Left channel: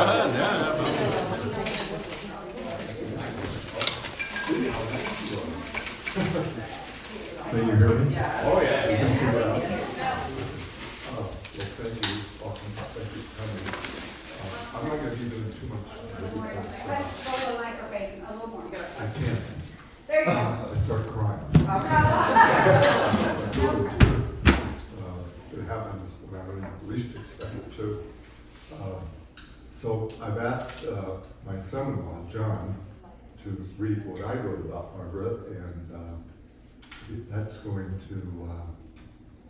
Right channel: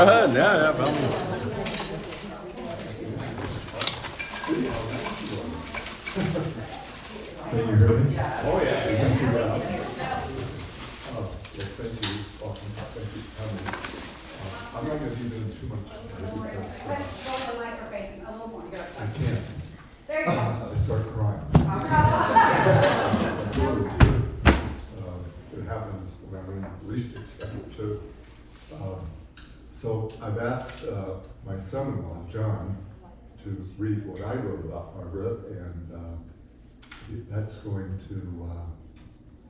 ahead. Yeah. Can you hear me? Oh, yeah. Isn't too loud. Well, thank you. Welcome. Thank you for coming. I'm not going to be doing too much today because I can't. There you go. I start crying. It happens when I'm least expected to. So I've asked my son-in-law, John, to read what I wrote about Margaret, and that's going to,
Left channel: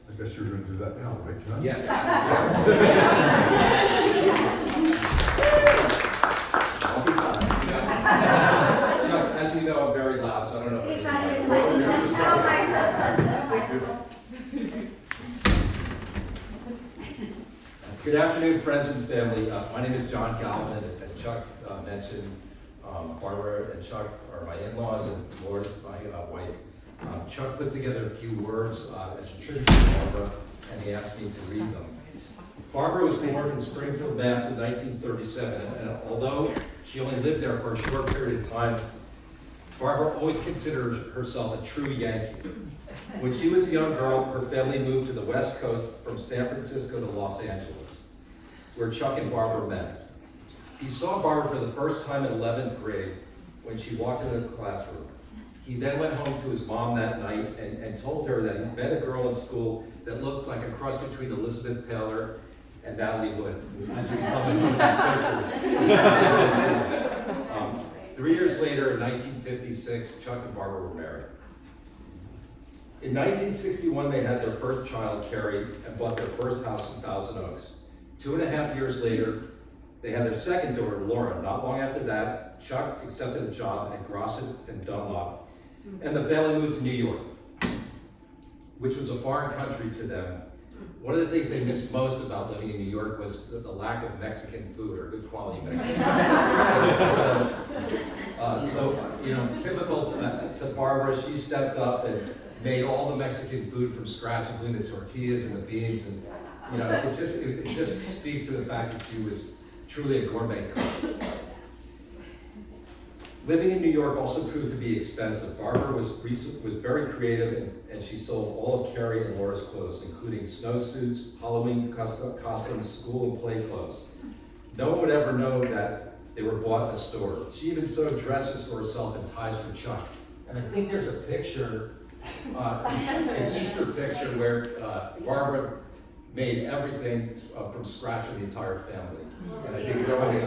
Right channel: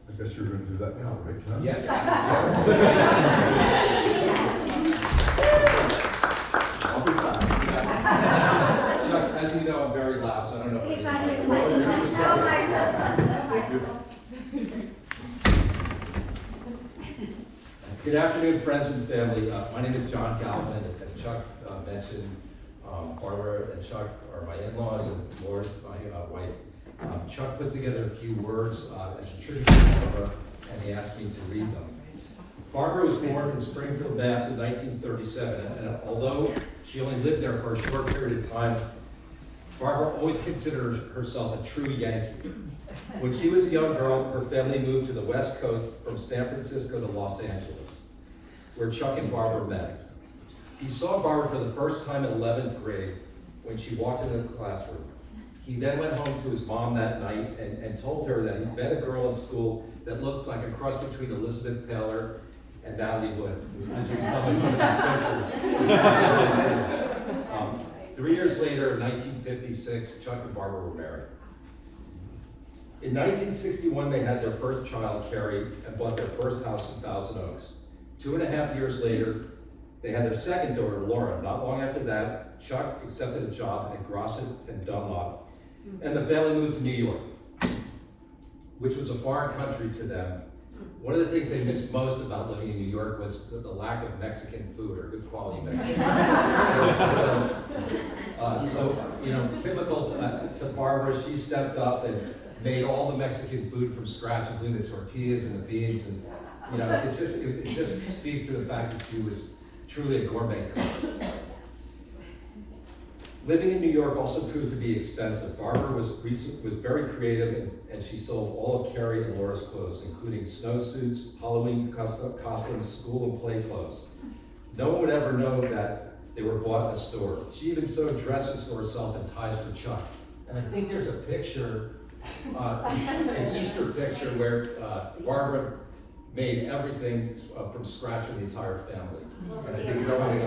I guess you're going to do that now, right, John? Yes. I'll be fine. Chuck, as you know, I'm very loud, so I don't know. He's if not I even can- like, You're just oh my God. Good afternoon, friends and family. My name is John Galvin, as Chuck mentioned. Barbara and Chuck are my in-laws, and Laura's my wife. Chuck put together a few words as a tribute to Barbara, and he asked me to read them. Barbara was born in Springfield, Mass. in 1937, and although she only lived there for a short period of time, Barbara always considered herself a true Yankee. When she was a young girl, her family moved to the West Coast from San Francisco to Los Angeles, where Chuck and Barbara met. He saw Barbara for the first time in 11th grade when she walked into the classroom. He then went home to his mom that night and told her that he met a girl in school that looked like a cross between Elizabeth Taylor and Natalie Wood, as we come in some of these pictures. 3 years later, in 1956, Chuck and Barbara were married. In 1961, they had their first child, Carrie, and bought their first house in Thousand Oaks. 2.5 years later, they had their second daughter, Laura. Not long after that, Chuck accepted a job at Grosset and Dunlop, and the family moved to New York, which was a foreign country to them. One of the things they missed most about living in New York was the lack of Mexican food, or good quality Mexican food. So, you know, typical to Barbara, she stepped up and made all the Mexican food from scratch, including the tortillas and the beans, and you know, it just speaks to the fact that she was truly a gourmet cook. Living in New York also proved to be expensive. Barbara was very creative, and she sold all of Carrie and Laura's clothes, including snowsuits, Halloween costumes, school and play clothes. No one would ever know that they were bought in the store. She even sewed dresses for herself and ties for Chuck. And I think there's a picture, an Easter picture, where Barbara made everything from scratch for the entire family. And I think it's funny.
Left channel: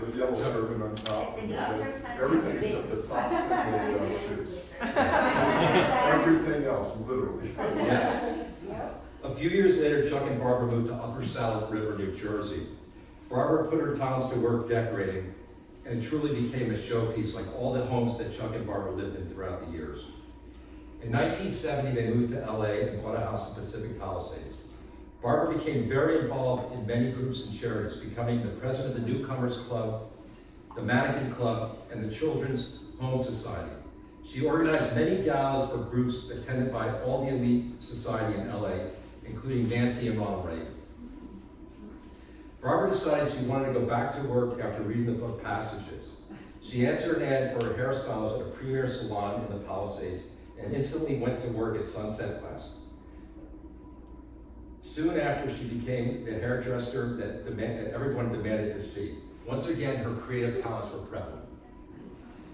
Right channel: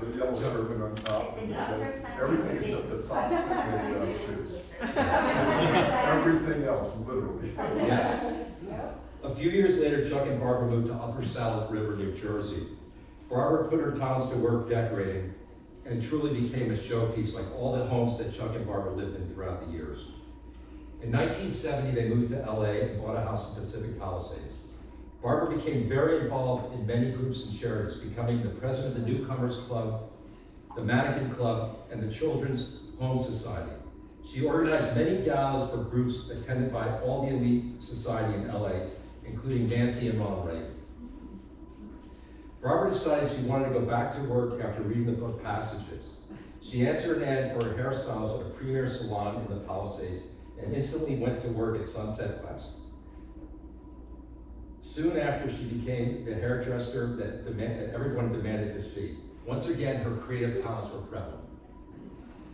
The yellow turban on top, and everything except the socks and those shoes. Everything else, literally. Yeah. A few years later, Chuck and Barbara moved to Upper Saddle River, New Jersey. Barbara put her talents to work decorating, and it truly became a showpiece like all the homes that Chuck and Barbara lived in throughout the years. In 1970, they moved to LA and bought a house in Pacific Palisades. Barbara became very involved in many groups and charities, becoming the president of the Newcomers Club, the Mannequin Club, and the Children's Home Society. She organized many galas for groups attended by all the elite society in LA, including Nancy and Ronald Reagan. Barbara decided she wanted to go back to work after reading the book Passages. She answered an ad for hairstyles at a premier salon in the Palisades and instantly went to work at Sunset West. Soon after, she became the hairdresser that everyone demanded to see. Once again, her creative talents were prevalent.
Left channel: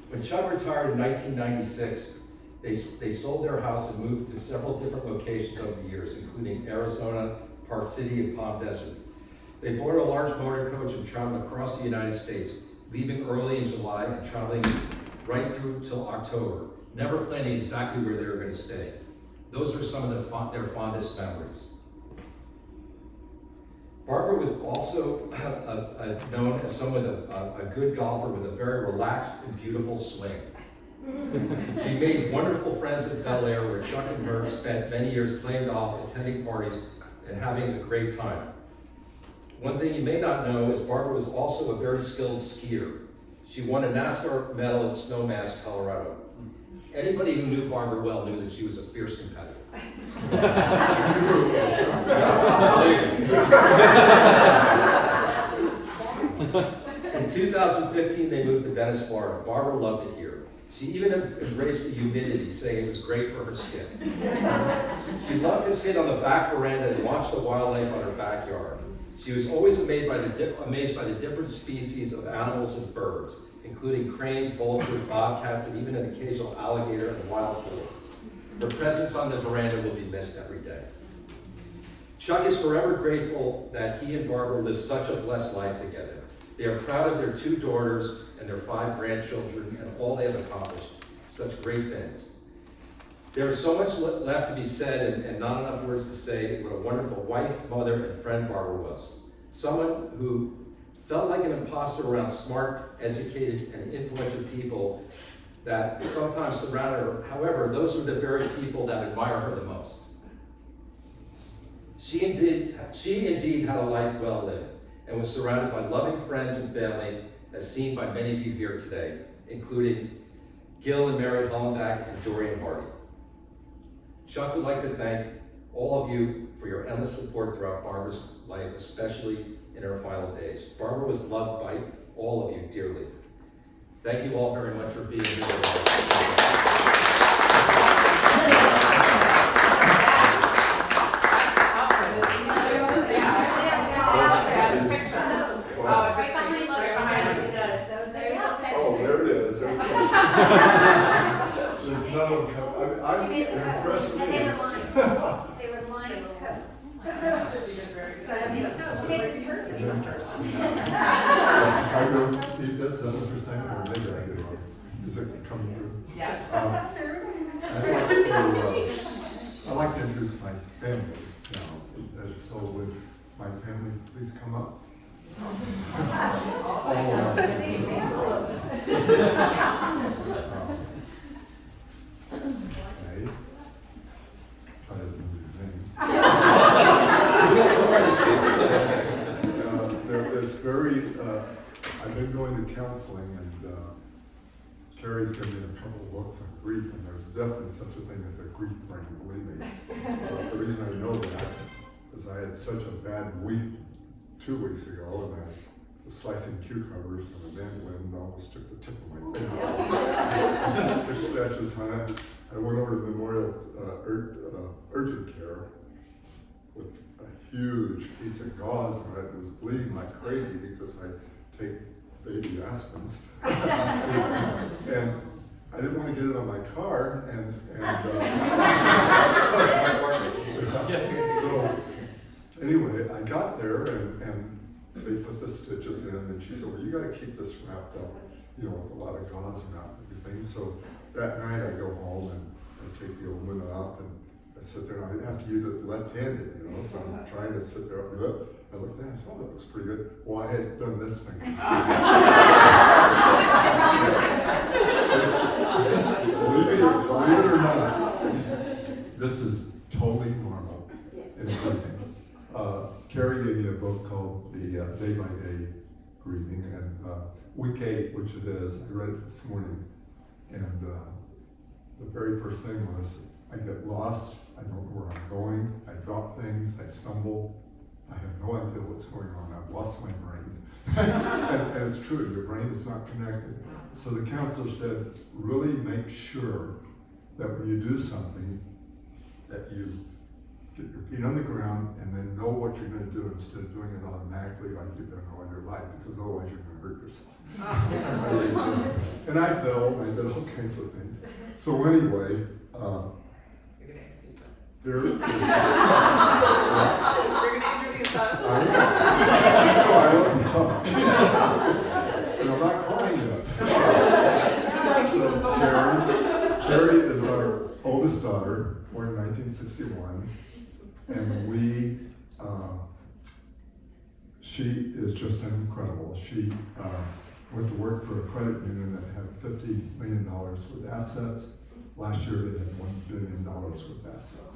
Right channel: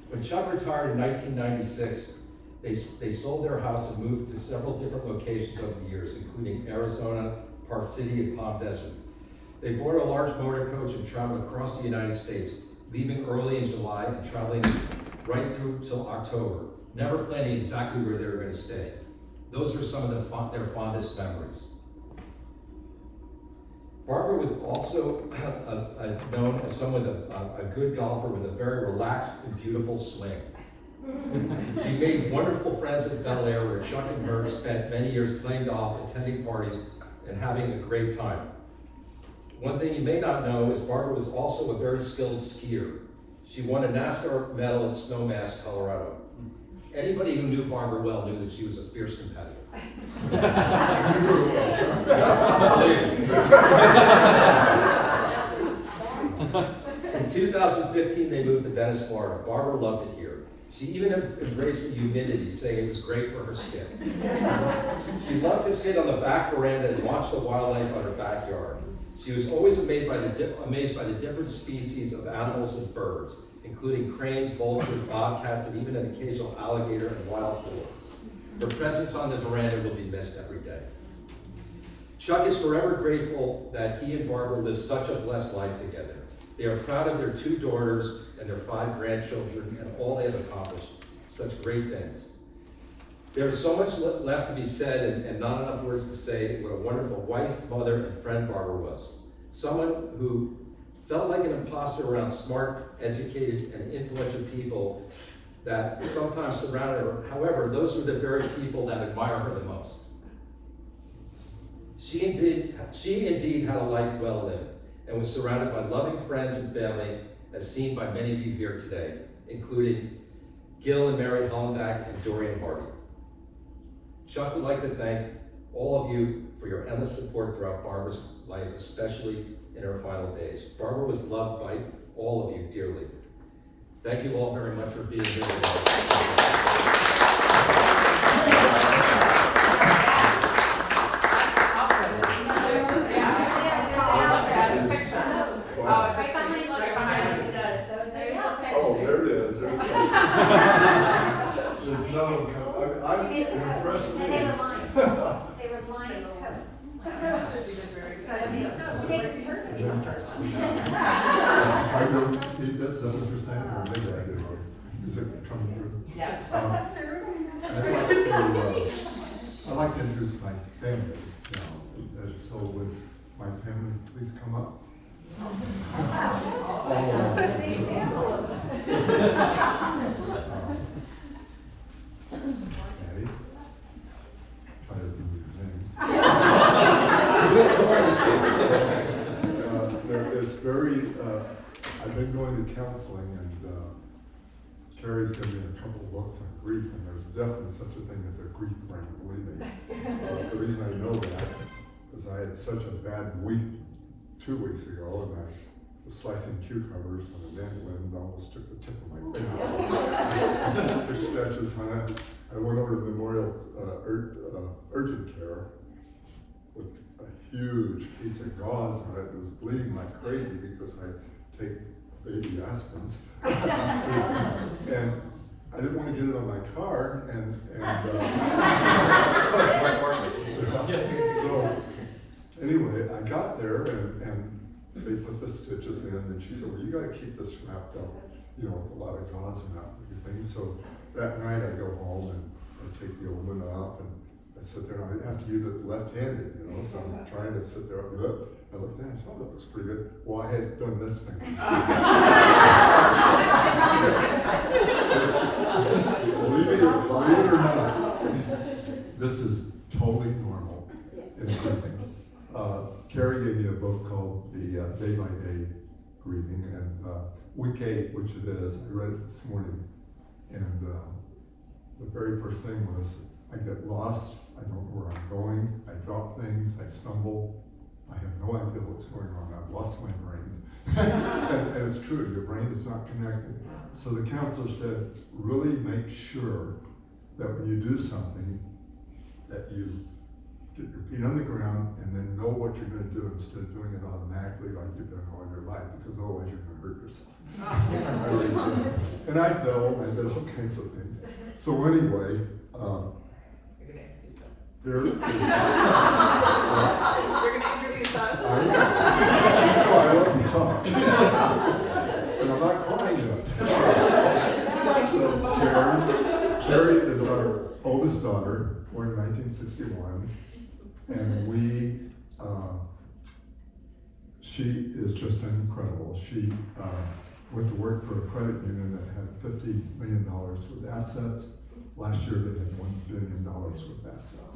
When Chuck retired in 1996, they sold their house and moved to several different locations over the years, including Arizona, Park City, and Palm Desert. They bought a large motor coach and traveled across the United States, leaving early in July and traveling right through till October, never planning exactly where they were going to stay. Those are some of their fondest memories. Barbara was also known as someone a good golfer with a very relaxed and beautiful swing. She made wonderful friends at Bel Air, where Chuck and her spent many years playing golf, attending parties, and having a great time. One thing you may not know is Barbara was also a very skilled skier. She won a NASCAR medal at Snowmass, Colorado. Anybody who knew Barbara well knew that she was a fierce competitor. 15, they moved to Venice, Florida. Barbara loved it here. She even embraced the humidity, saying it was great for her skin. She loved to sit on the back veranda and watch the wildlife on her backyard. She was always amazed by the different species of animals and birds, including cranes, vultures, bobcats, and even an occasional alligator and wild boar. Her presence on the veranda will be missed every day. Chuck is forever grateful that he and Barbara lived such a blessed life together. They are proud of their 2 daughters and their 5 grandchildren and all they have accomplished. Such great things. There is so much left to be said and not enough words to say what a wonderful wife, mother, and friend Barbara was. Someone who felt like an imposter around smart, educated, and influential people that sometimes surrounded her. However, those are the very people that admire her the most. She indeed had a life well lived and was surrounded by loving friends and family, as seen by many of you here today, including Gil and Mary Hollenbach and Dorian Hardy. Chuck would like to thank all of you for your endless support throughout Barbara's life, especially in her final days. Barbara was loved by all of you dearly. Thank you all very much for being here today. Oh, there it is. There's no, I'm impressed. And they were lined coats. So they take turkeys. I don't eat this, is that what you're saying, or maybe I did. Is it coming through? Yeah. I'd like to introduce my family now. So would my family please come up? Okay. Try to remember your names. It's very, I've been going to counseling, and Carrie's given me a couple of books on grief, and there's definitely such a thing as a grief brain, believe me. The reason I know that is I had such a bad week 2 weeks ago, and I was slicing cucumbers, and the wind almost took the tip of my finger. 6 stitches on it. I went over to Memorial Urgent Care with a huge piece of gauze on it. It was bleeding like crazy because I take baby aspirins. And I didn't want to get it on my car, so anyway, I got there and they put the stitches in, and she said, well, you got to keep this wrapped up, with a lot of gauze around and everything. So that night I go home and I take the old one off, and I sit there, and I have to use it left-handed, so I'm trying to sit there and do it. I looked down and said, oh, that looks pretty good. Well, I had done this thing. Believe it or not, this is totally normal in grieving. Carrie gave me a book called The Day by Day Grieving, and week 8, which it is, I read it this morning, and the very first thing was, I get lost, I don't know where I'm going, I drop things, I stumble, I have no idea what's going on, I've lost my brain. and it's true, your brain is not connected. So the counselor said, really make sure that when you do something, that you get your feet on the ground and then know what you're going to do instead of doing it automatically like you've done all your life, because otherwise you're going to hurt yourself. And I fell, I did all kinds of things. So anyway, here is. You're gonna introduce us. I love to talk. And I'm not crying yet. So Carrie is our oldest daughter, born in 1961. And she is just incredible. She went to work for a credit union that had $50 million with assets. Last year they had $1 billion with assets.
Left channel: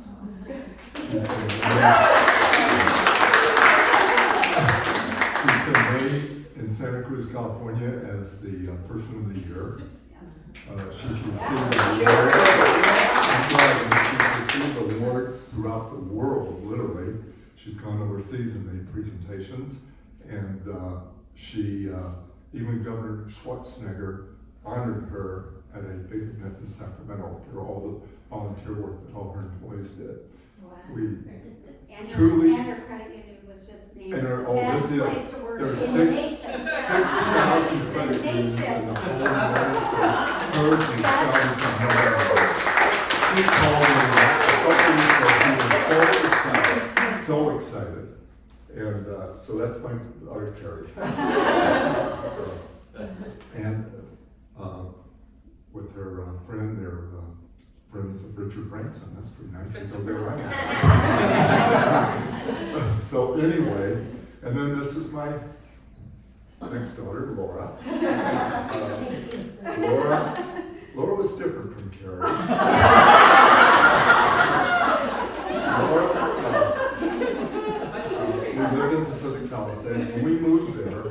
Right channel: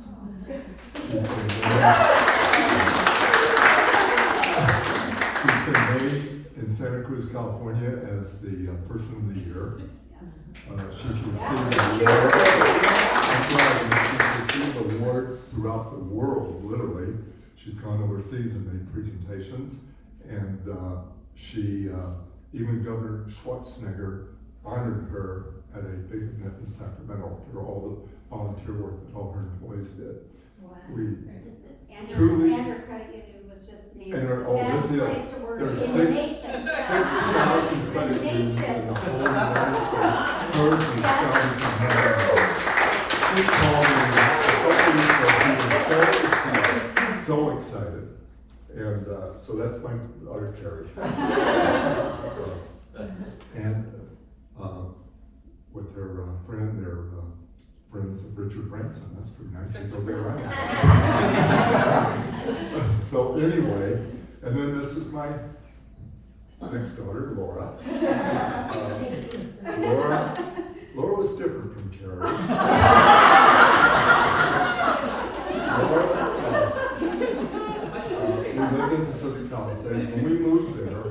She's been named in Santa Cruz, California as the Person of the Year. She's received awards throughout the world, literally. She's gone overseas and made presentations, and she even Governor Schwarzenegger honored her at a big event in Sacramento for all the volunteer work that all her employees did. Wow. We And truly- her credit union was just named And her- the oh, best this is- place to work there in are the six- nation. 6,000 credit unions in the whole United States. Hers and Shelley's and Helen. He called me a couple weeks ago, he was so excited. And so that's my other Carrie. And with her friend, they're friends of Richard Branson. That's pretty nice to go there right now. So anyway, and then this is my next daughter, Laura. Laura was different from Carrie. Laura, we lived in Pacific Palisades. When we moved there,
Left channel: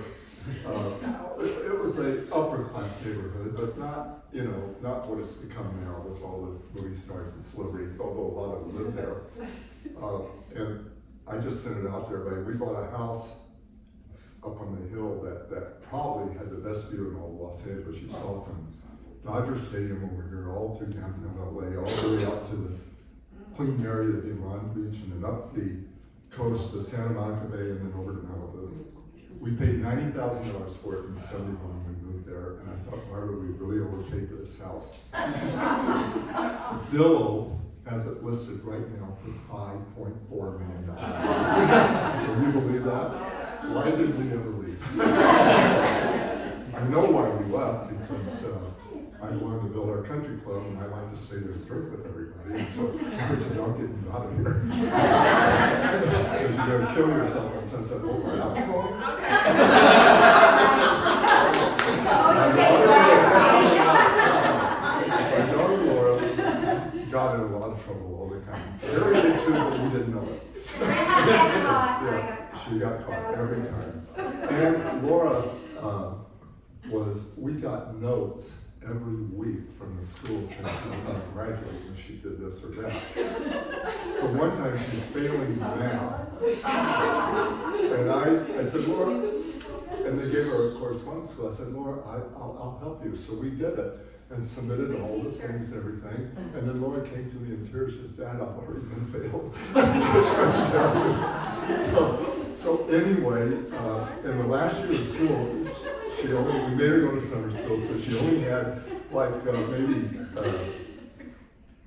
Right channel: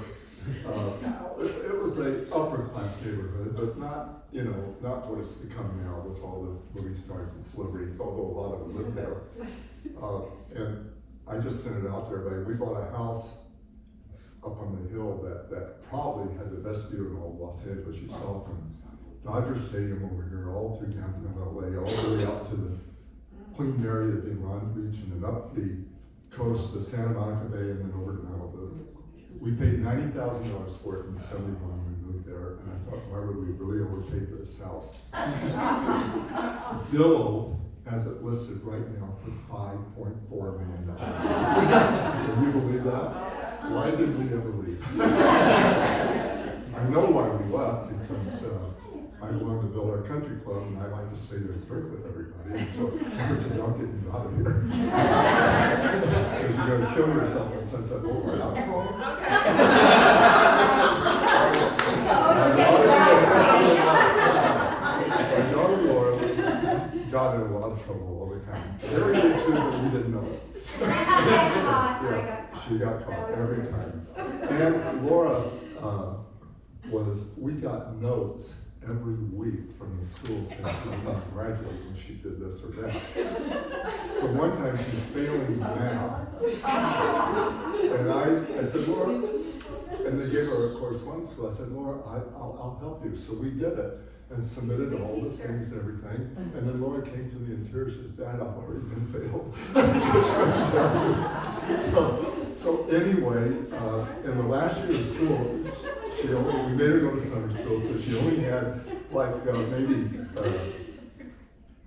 it was a upper class neighborhood, but not, not what it's become now with all the movie stars and celebrities, although a lot of them live there. And I just sent it out to everybody. We bought a house up on the hill that probably had the best view in all of Los Angeles. You saw from Dodger Stadium over here, all through downtown LA, all the way up to the Queen Mary, the Big Long Beach, and then up the coast to Santa Monica Bay, and then over to Malibu. We paid $90,000 for it in '71 when we moved there, and I thought, Barbara, we really overpaid for this house. Zillow has it listed right now for $5.4 million. Can you believe that? Why did we ever leave? I know why we left, because I wanted to build our country club, and I like to stay there and drink with everybody. And so I said, don't get me out of here. Because you're going to kill yourself on Sunset Boulevard. I'm going. My daughter Laura got in a lot of trouble all the time. Carrie did too, but we didn't know it. Yeah, she got caught every time. And Laura we got notes every week from the school saying she was going to graduate when she did this or that. So one time she's failing math. And I said, Laura, and they gave her a correspondence school. I said, Laura, I'll help you. So we did it and submitted all the things and everything. And then Laura came to me in tears. She says, Dad, I've already been failed. So anyway, in the last year of school, we made her go to summer school, so she only had like maybe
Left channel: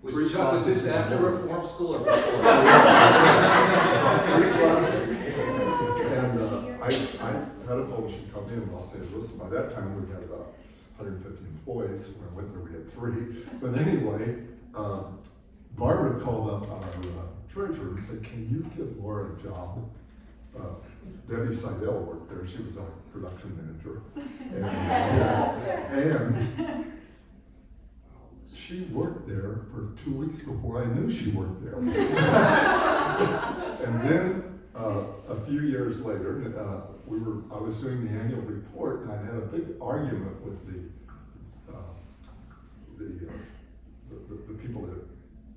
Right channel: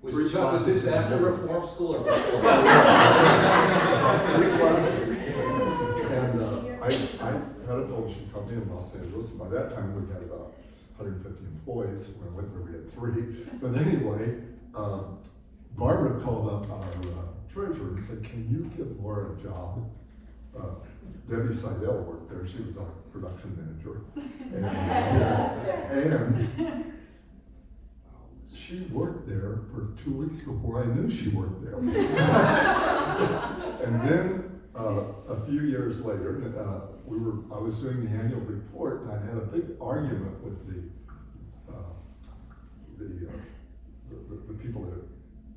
Was this after reform school or before? about 3 classes. And I had a told she'd come in Los Angeles, and by that time we had about 150 employees. When I went there, we had 3. But anyway, Barbara called up our treasurer and said, can you give Laura a job? Debbie Seidel worked there. She was our production manager. And she worked there for 2 weeks before I knew she worked there. And then a few years later, I was doing the annual report, and I had a big argument with the people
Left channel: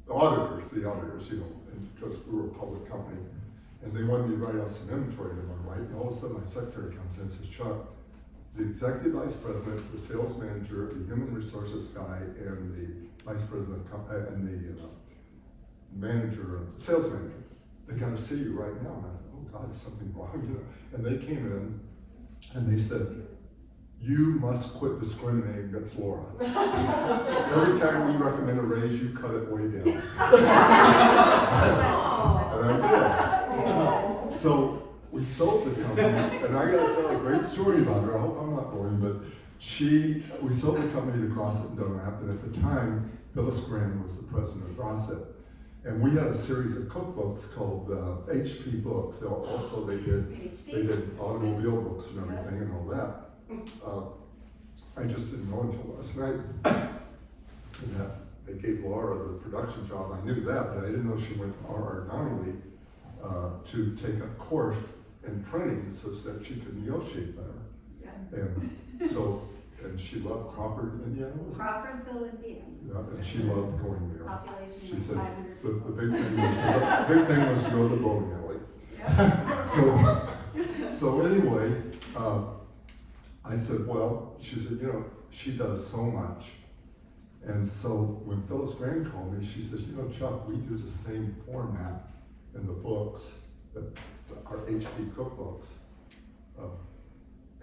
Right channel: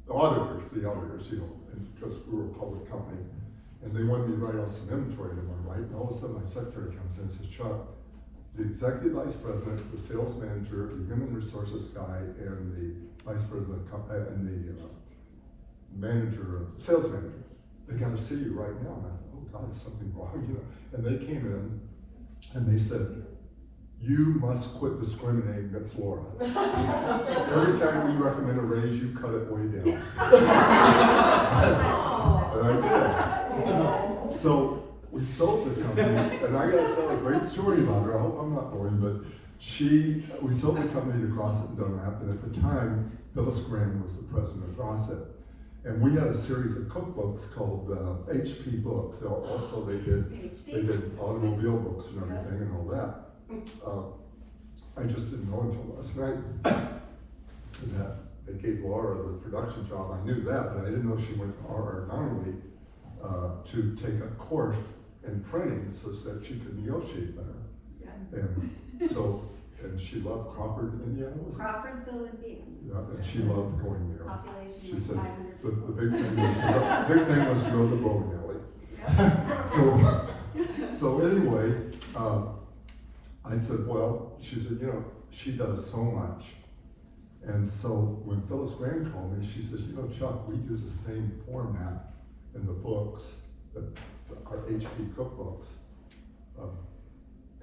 the auditors, because we were a public company. And they wanted me to write out some inventory to them, right? And all of a sudden my secretary comes in and says, Chuck, the executive vice president, the sales manager, the human resources guy, and the vice president and the sales manager, they got to see you right now. And I thought, oh God, is something wrong? And they came in and they said, you must quit discriminating against Laura. Every time we recommend a raise, you cut it way down. And I did. So we sold the company, and I got to tell a great story about her. I hope I'm not boring, but we sold the company to Grosset and Dunlap, and at the time, Phyllis Graham was the president of Grosset. And we had a series of cookbooks called HP Books. Also, they did automobile books and everything and all that. I just didn't know until last night that they gave Laura the production job. I knew that, but I didn't know she went to RR Donnelly to take a course in printing so that she could negotiate better. Yeah. And she loved Crawford, Indiana. Crawfordsville, Indiana. Yeah, and she loved going there. Population She was said 500. the big thing was to go to the bowling alley. So anyway, I I said, well, she said, you know, she does so much. And so when Phyllis Graham called me, she says, you know, Chuck, we do the same format in the books, our HP cookbooks.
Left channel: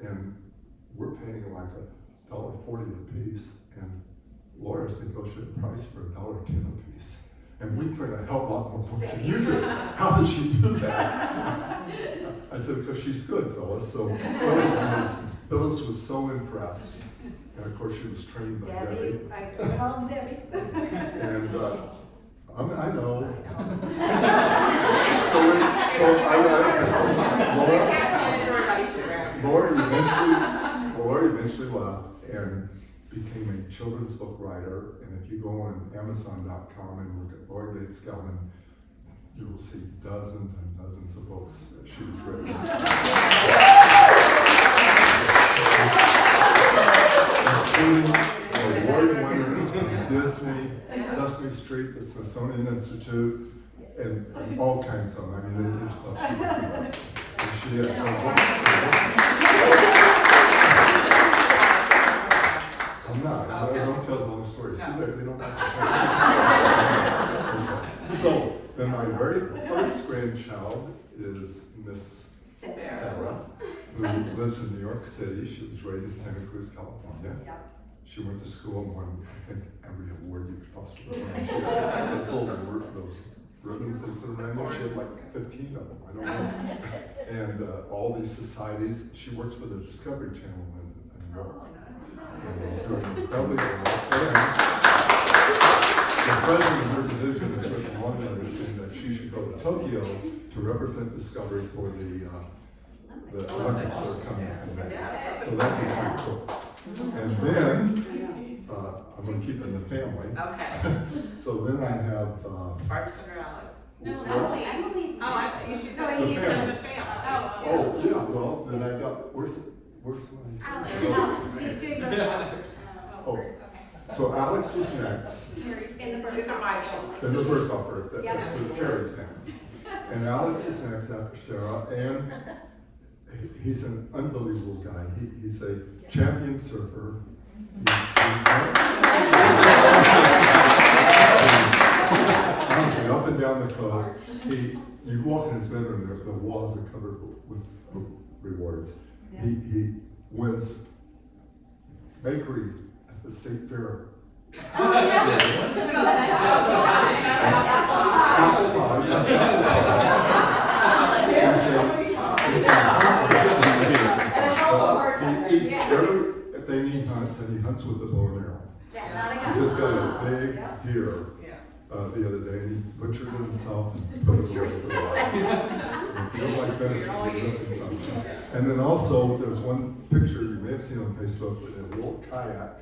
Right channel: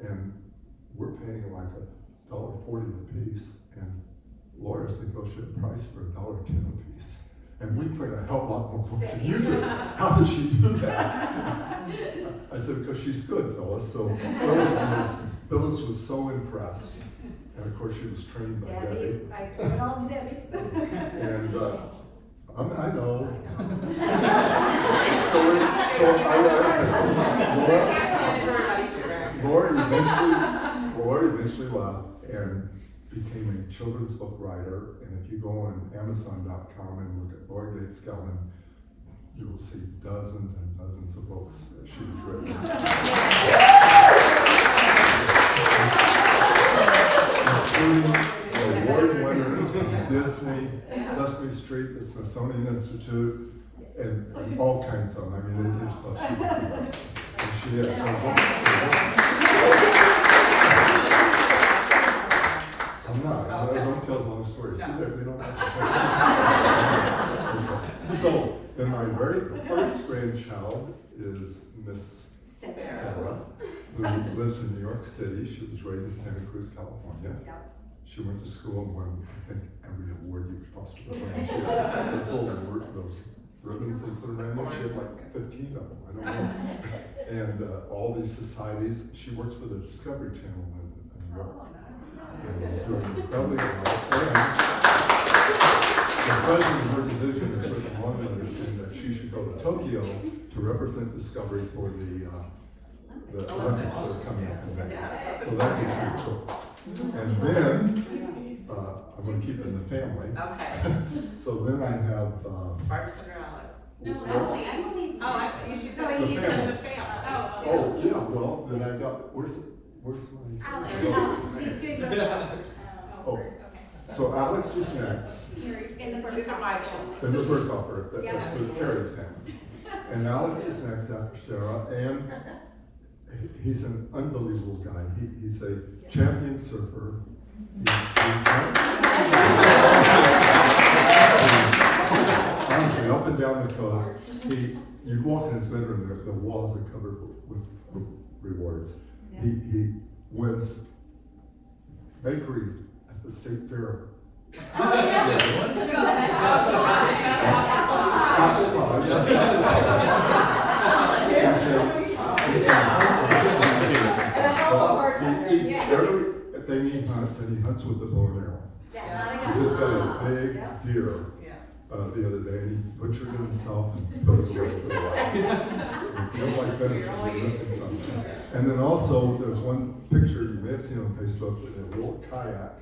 And we're paying like $1.40 a piece, and Laura's negotiated price for $1.10 a piece. And we print a hell of a lot more books than you do. How did she do that? I said, because she's good, Phyllis. So Phyllis was so impressed. And of course, she was trained by Debbie. I called Debbie. And I know. Laura eventually left and became a children's book writer. And if you go on Amazon.com and look at Laura Bates Gelman, you will see dozens and dozens of books that she has written. Award winners from Disney, Sesame Street, the Smithsonian Institute, and all kinds of them. I mean, they just thought she was the best. And she has some I'm not. I don't tell the long story. See, they don't have to. So, then my very first grandchild is Miss Sarah, who lives in New York City. She was raised in Santa Cruz, California. She went to school and won, I think, every award you could possibly win. She had those ribbons they put around there. She had like 15 of them, I don't know. And all these societies. She works for the Discovery Channel in New York. And is doing incredibly well. And the president of her division has written a long letter saying that she should go to Tokyo to represent Discovery for the Olympics that are coming up in May. So that'd be pretty cool. And then, I'm going to keep it in the family. Okay. So then I have. Bartender Alex. No, Emily's. Oh, I see. She's So in he's the family. Oh, yeah, well, then I got, where's my? Alex, she's doing both Alex. Oh, Okay. so Alex is next, In the These are my first. in the first offer, Yeah. with Carrie's family. And Alex is next after Sarah, and he's an unbelievable guy. He's a champion surfer. Honestly, up and down the coast, you walk in his bedroom, the walls are covered with rewards. He wins bakery at the state fair. Apple pie, yes, he eats everything he hunts, and he hunts with the bow and arrow. He just got a big deer the other day, and he butchered it himself and put it away for a while. If you don't like venison, you're missing something. And then also, there's one picture you may have seen on Facebook with a little kayak,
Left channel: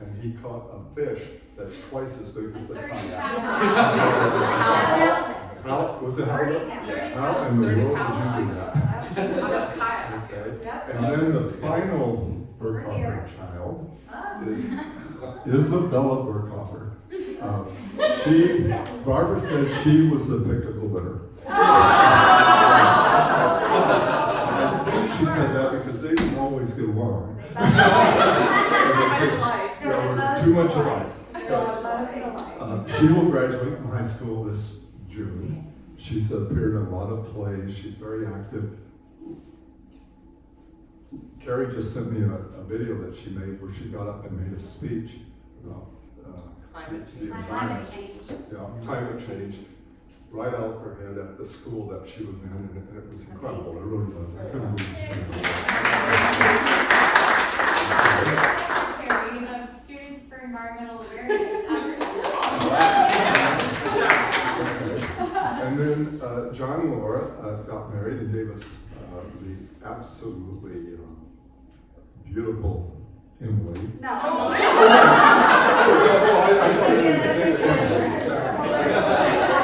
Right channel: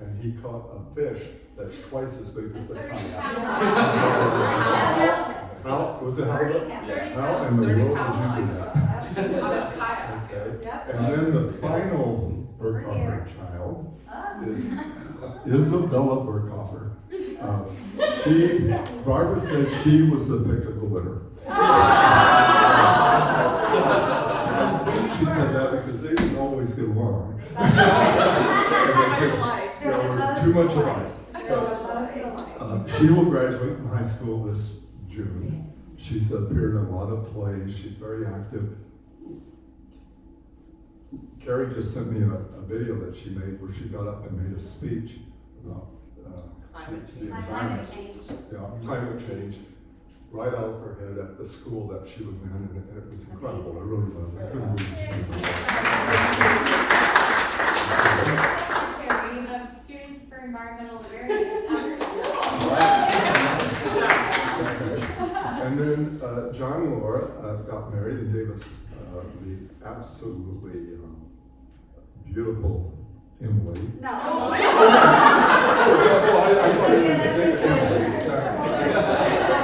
and he caught a fish that's twice as big as the kayak. How was it? How in the world did you do that? Okay. And then the final Burkhofer child is Isabella Burkhofer. Barbara said she was the pick of the litter. She said that because they didn't always get along. We're too much alike. She will graduate from high school this June. She's appeared in a lot of plays. She's very active. Carrie just sent me a video that she made where she got up and made a speech about Climate change. climate change, right out of her head at the school that she was in, and it was incredible. It really was. I couldn't believe it. Terry, you have Students for Environmental Awareness after And then John and Laura got married and gave us the absolutely beautiful Emily. No. I thought you were saying Emily.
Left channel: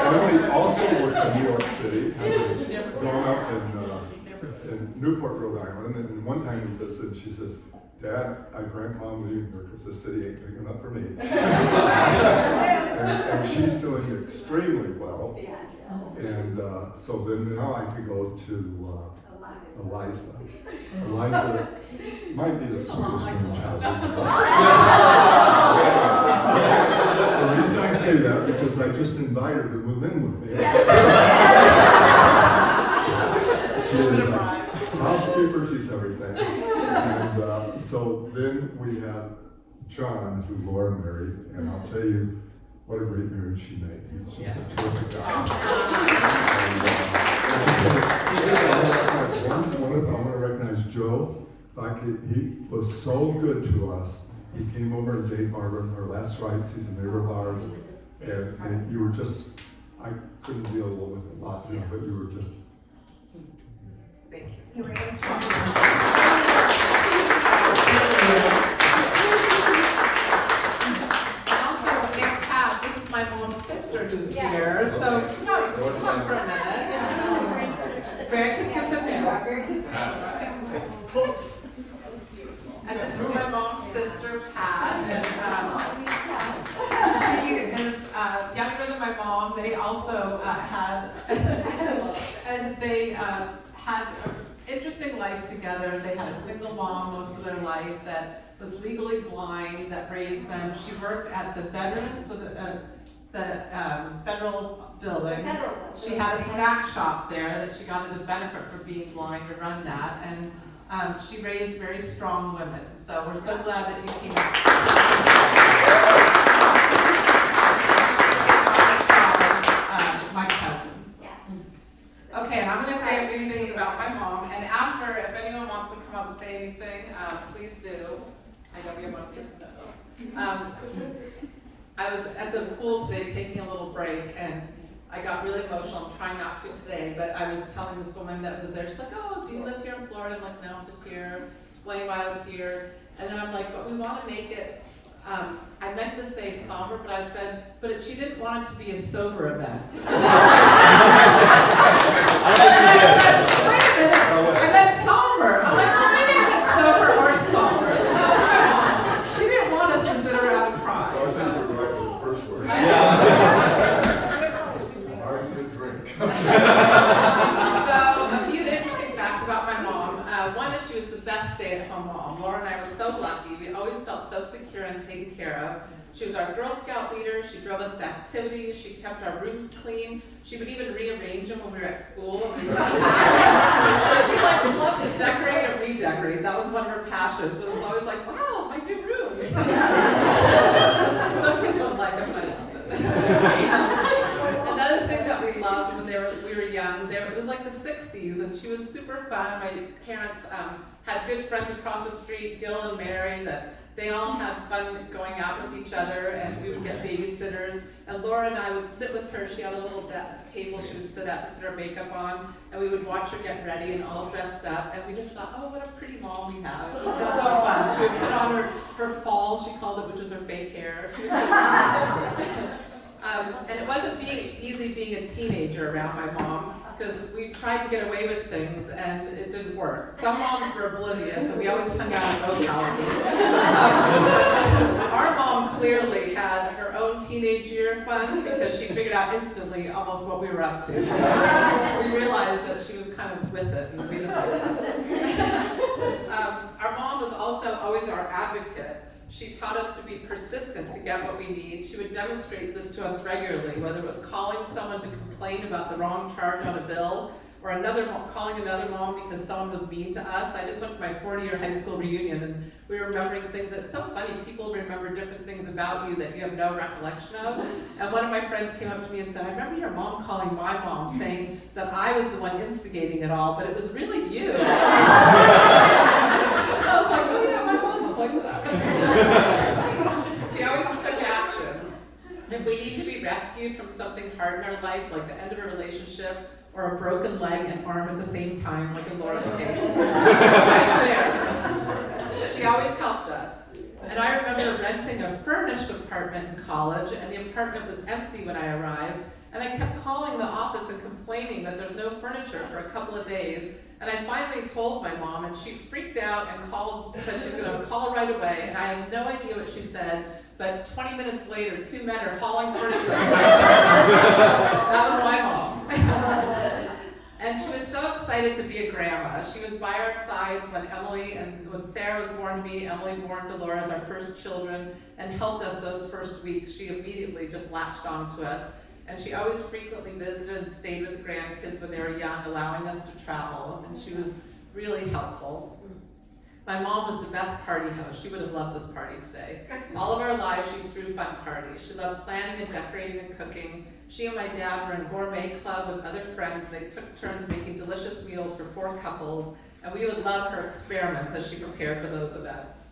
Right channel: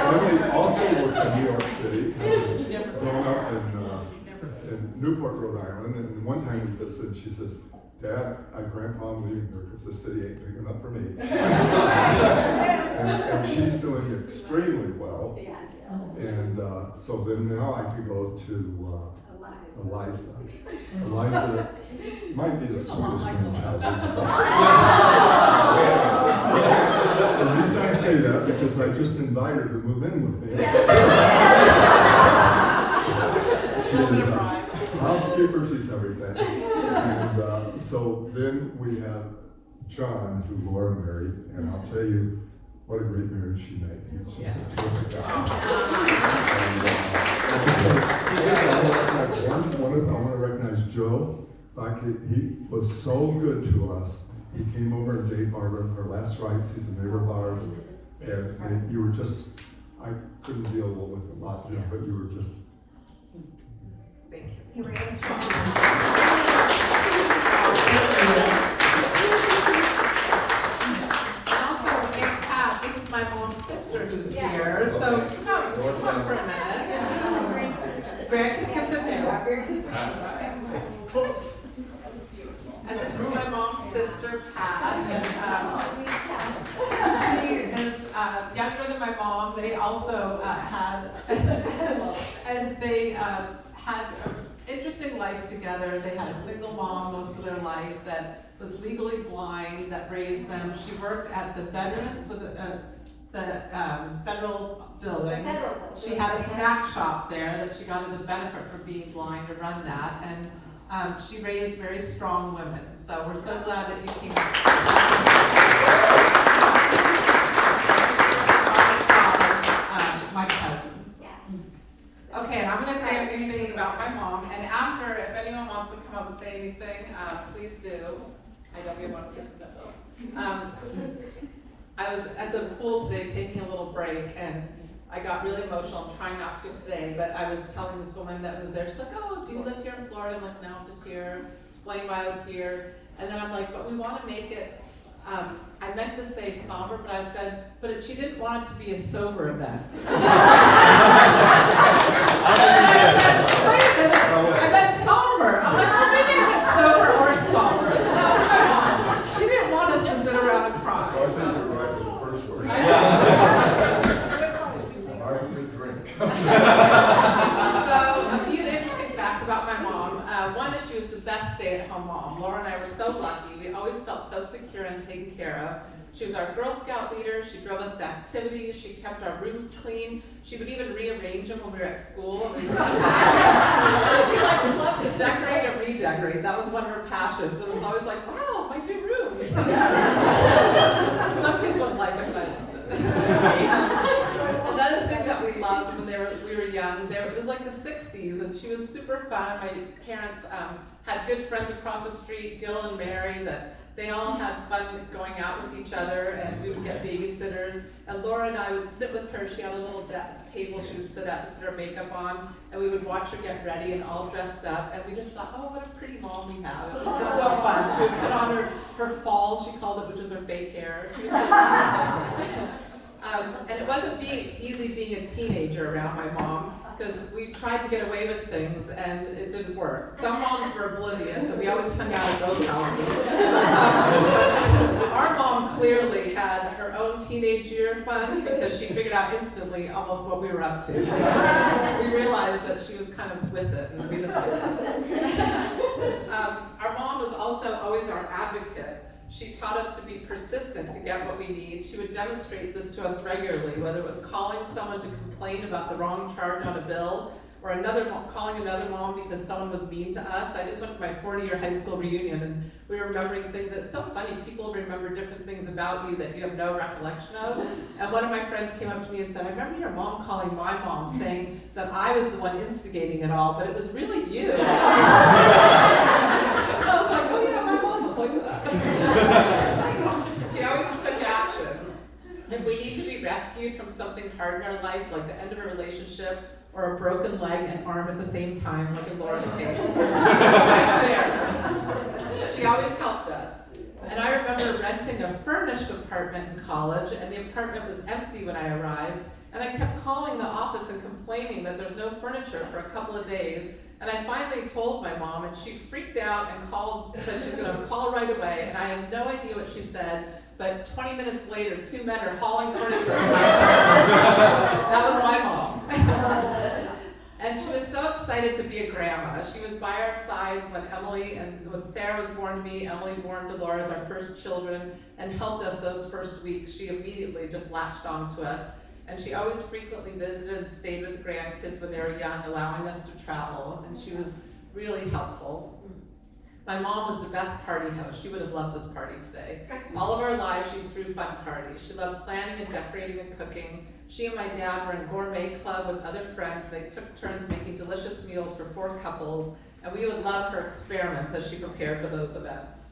Emily also worked in New York City, having grown up in Newport, Rhode Island. And one time we visited, and she says, Dad, Grandpa, I'm leaving here because the city ain't big enough for me. and she's doing extremely well. Yes. And so then now I could go to Eliza. Eliza might be the sweetest grandchild. The reason I say that, because I just invited her to move in with me. She Little bit is of a pride. housekeeper, she's everything. And so then we have John, who Laura married, and I'll tell you what a great marriage she made. It's just a terrific guy. And, I want to recognize Joe. He was so good to us. He came over and gave Barbara her last rites. He's a neighbor of ours. And you were just, I couldn't deal with a lot, but you were just. Thank you. You were instrumental. And also, Aunt Pat, this is my mom's sister who's Yes. here, so come on, come on for a minute. Grandkids can sit there. And this is my mom's sister, Pat, and she is younger than my mom. They also had, and they had an interesting life together. They had a single mom most of their life that was legally blind, that raised them. She worked at the Veterans, was it the federal building? She had a snack shop there that she got as a benefit for being blind to run that, and she raised very strong women. So we're so glad that you came. My cousins. Yes. Okay, and I'm going to say a few things about my mom, and after, if anyone wants to come up and say anything, please do. I know we have one person. I was at the pool today taking a little break, and I got really emotional. I'm trying not to today, but I was telling this woman that was there, she's like, oh, do you live here in Florida? I'm like, no, I'm just here. Explain why I was here. And then I'm like, but we want to make it, I meant to say somber, but I said, but she didn't want it to be a sober event. And then I said, wait a minute, I meant somber. I'm like, well, maybe I meant sober or it's somber. She didn't want us to sit around and cry. I think we're right with the first word. Hard to drink. So, a few interesting facts about my mom. One is she was the best stay-at-home mom. Laura and I were so lucky. We always felt so secure and taken care of. She was our Girl Scout leader. She drove us to activities. She kept our rooms clean. She would even rearrange them when we were at school. And we would come back. She loved to decorate and redecorate. That was one of her passions. It was always like, wow, my new room. Some kids wouldn't like it, but I loved it. Another thing that we loved when we were young, it was like the 60s, and she was super fun. My parents had good friends across the street, Gil and Mary, that they all had fun going out with each other, and we would get babysitters. And Laura and I would sit with her. She had a little table she would sit at to put her makeup on, and we would watch her get ready and all dressed up. And we just thought, oh, what a pretty mom we have. It was just so fun. She would put on her fall, she called it, which is her fake hair. She was so and it wasn't easy being a teenager around my mom, because we tried to get away with things and it didn't work. Some moms were oblivious, and we always hung out at those houses. Our mom clearly had her own teenage year fun, because she figured out instantly almost what we were up to. So we realized that she was kind of with it, and we didn't like it. Our mom was also always our advocate. She taught us to be persistent to get what we need. She would demonstrate this to us regularly, whether it was calling someone to complain about the wrong charge on a bill, or calling another mom because someone was mean to us. I just went to my 40-year high school reunion, and we were remembering things. It's so funny, people remember different things about you that you have no recollection of. And one of my friends came up to me and said, I remember your mom calling my mom saying that I was the one instigating it all, but it was really you. I was like, oh yeah, my mom was like that. She always took action. If we need to be rescued from something hard in our life, like the end of a relationship, or a broken leg and arm at the same time, like in Laura's case, she was right there. She always helped us. And I remember renting a furnished apartment in college, and the apartment was empty when I arrived. And I kept calling the office and complaining that there's no furniture for a couple of days. And I finally told my mom, and she freaked out and said she's going to call right away. And I have no idea what she said, but 20 minutes later, 2 men are hauling furniture in my apartment. That was my mom. And she was so excited to be a grandma. She was by our sides when Sarah was born to me, Emily born Dolores, our first children, and helped us those first weeks. She immediately just latched on to us. And she always frequently visited and stayed with the grandkids when they were young, allowing us to travel. And she was really helpful. My mom was the best party host. She would have loved this party today. All of our lives, she threw fun parties. She loved planning and decorating and cooking. She and my dad were in gourmet club with other friends. They took turns making delicious meals for 4 couples, and we would love her experiments as she prepared for those events.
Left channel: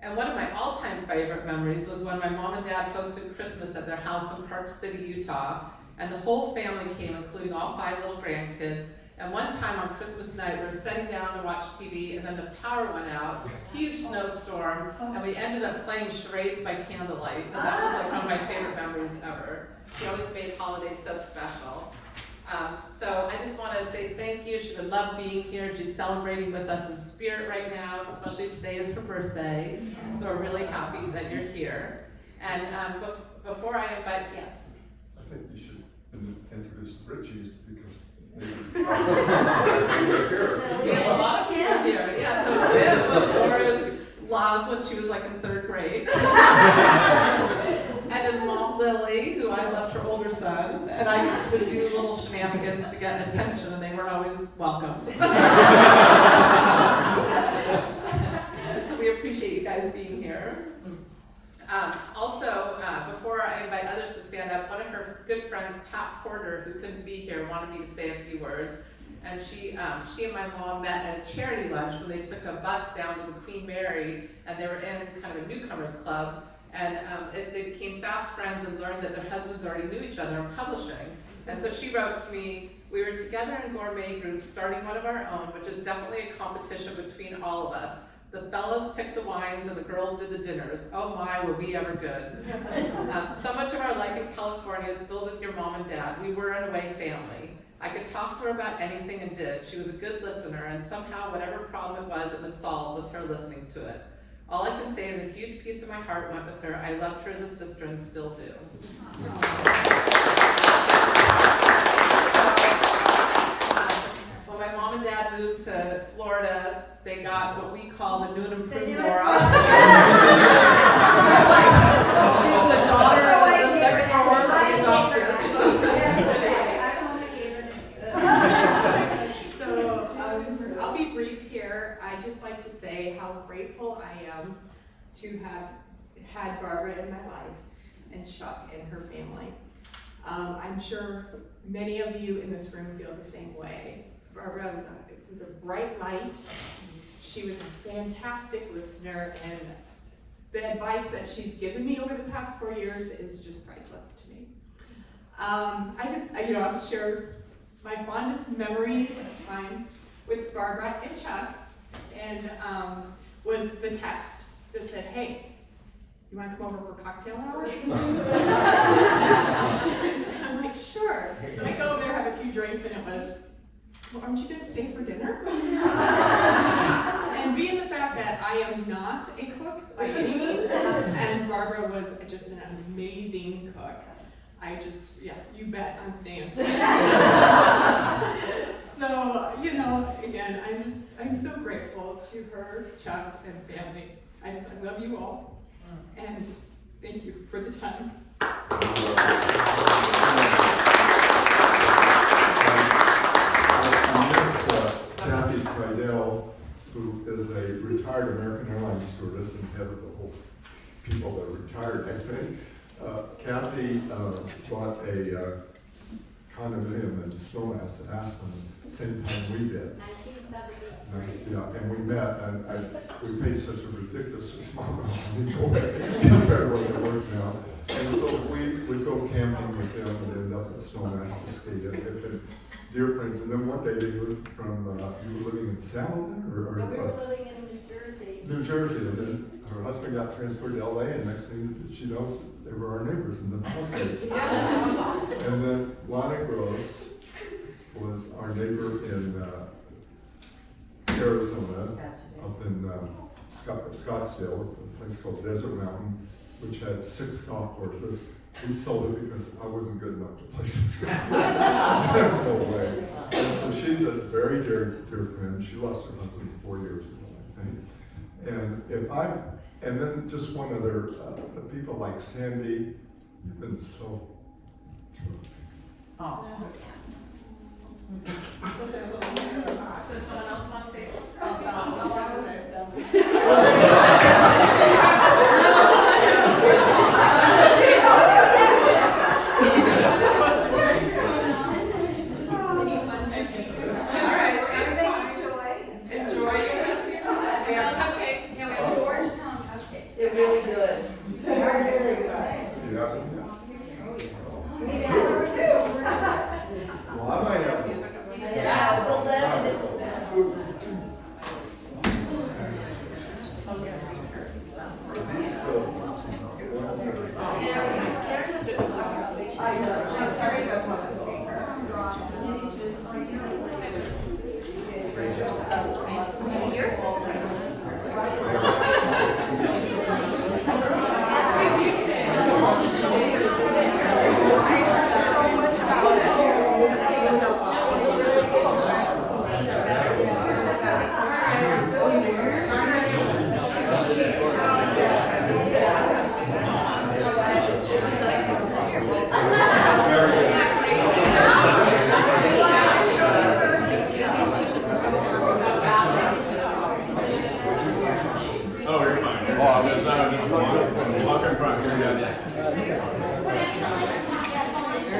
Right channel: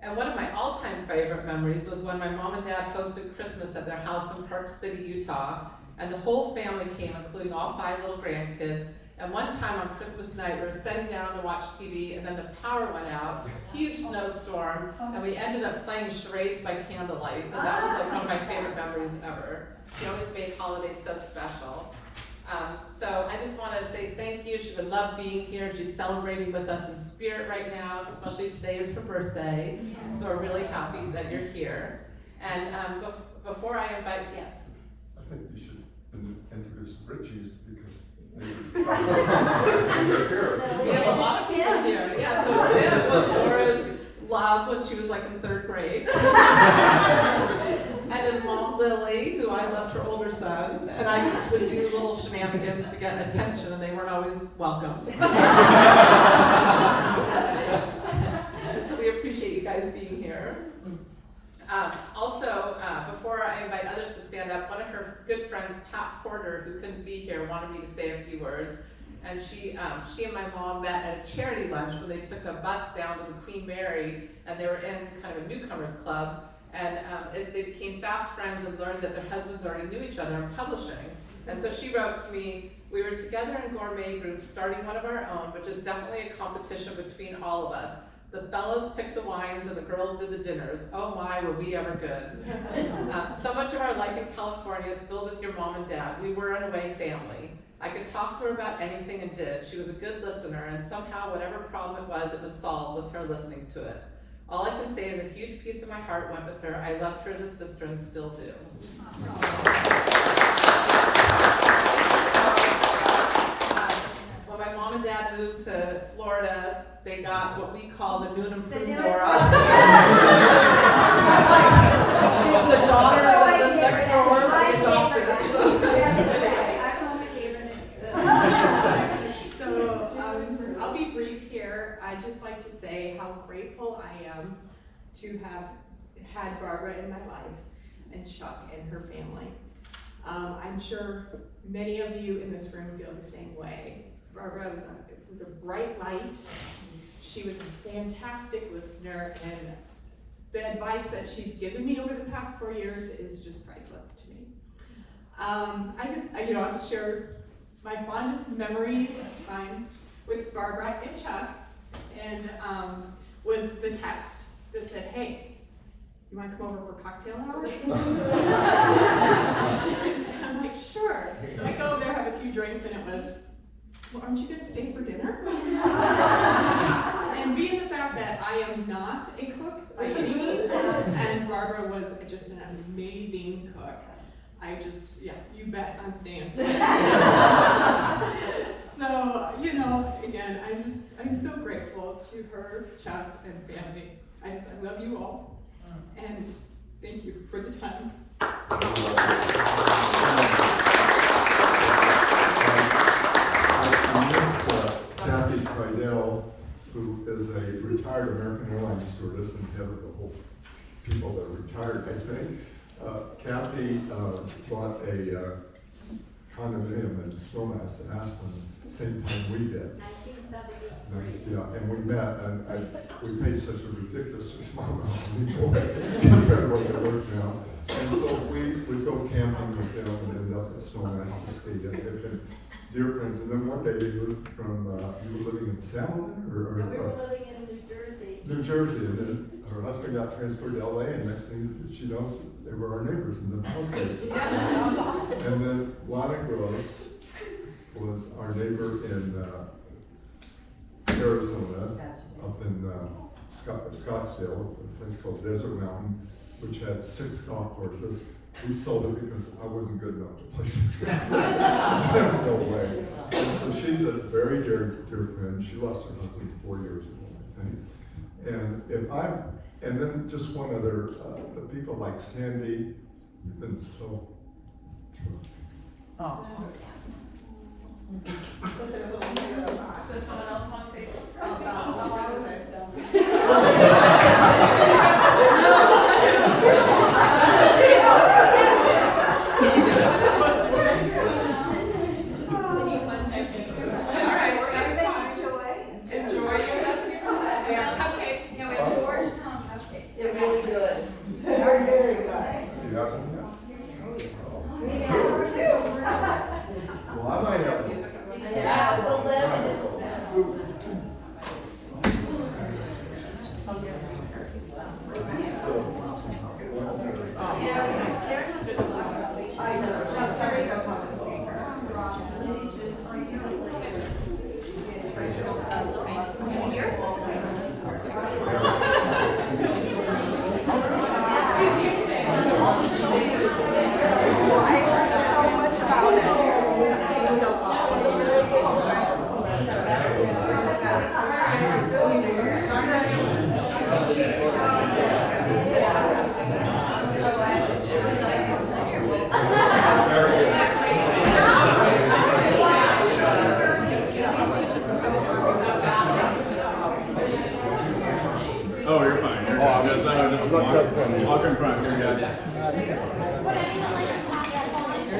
And one of my all-time favorite memories was when my mom and dad hosted Christmas at their house in Park City, Utah, and the whole family came, including all 5 little grandkids. And one time on Christmas night, we were sitting down to watch TV, and then the power went out, huge snowstorm, and we ended up playing charades by candlelight, and that was like one of my favorite memories ever. She always made holidays so special. So I just want to say thank you. She would love being here. She's celebrating with us in spirit right now, especially today is her birthday, so we're really happy that you're here. And before I invite, yes? I think you should introduce the Bridgies because We have a lot of people here. Yeah, so Tim was Laura's love when she was like in 3rd grade. And his mom Lily, who I loved her older son, and I would do little shenanigans to get attention, and they weren't always welcomed. So we appreciate you guys being here. Also, before I invite others to stand up, one of her good friends, Pat Porter, who couldn't be here, wanted me to say a few words. And she and my mom met at a charity lunch when they took a bus down to the Queen Mary, and they were in kind of a newcomers club. And they became fast friends and learned that their husbands already knew each other in publishing. And so she wrote to me, "We were together in gourmet groups, starting one of our own, which is definitely a competition between all of us. The fellows picked the wines and the girls did the dinners. Oh my, were we ever good." So much of our life in California is filled with your mom and dad. We were in a way family. I could talk to her about anything and did. She was a good listener, and somehow whatever problem it was solved with her listening to it. All I can say is a huge piece of my heart went with her. I loved her as a sister and still do. When my mom and dad moved to Florida, they got what we call the new and improved Laura. She's the daughter of the next door, the adopted. So I'll be brief here. I just like to say how grateful I am to have had Barbara in my life and Chuck and her family. I'm sure many of you in this room feel the same way. Barbara was a bright light. She was a fantastic listener, and the advice that she's given me over the past 4 years is just priceless to me. I'll just share my fondest memories of time with Barbara and Chuck, and was the text that said, "Hey, you want to come over for cocktail hour?" I'm like, "Sure." So I go over there, have a few drinks, and it was, "Well, aren't you going to stay for dinner?" And being the fact that I am not a cook by any means, and Barbara was just an amazing cook, you bet I'm staying. So, again, I'm so grateful to her, Chuck, and family. I love you all, and thank you for the time. Kathy Quidell, who is a retired American Airlines stewardess and head of the whole people that are retired, I think. Kathy bought a condominium in Snowmass in Aspen, same time we did. 1970. Yeah, and we met, and we paid such a ridiculously small amount of money for it compared to what they're worth now. And so we would go camping with them and ended up at Snowmass to ski. And they've been dear friends. And then one day they moved from, you were living in Salem We were living in New Jersey. New Jersey, and then her husband got transferred to LA, and next thing she knows, they were our neighbors in the Palisades. And then Lana Gross was our neighbor in Arizona, up in Scottsdale, a place called Desert Mountain, which had 6 golf courses. we sold it because I wasn't good enough to play some No way. And so she's a very dear friend. She lost her husband 4 years ago, I think. And then just one other, the people like Sandy, you've been so terrific. Oh.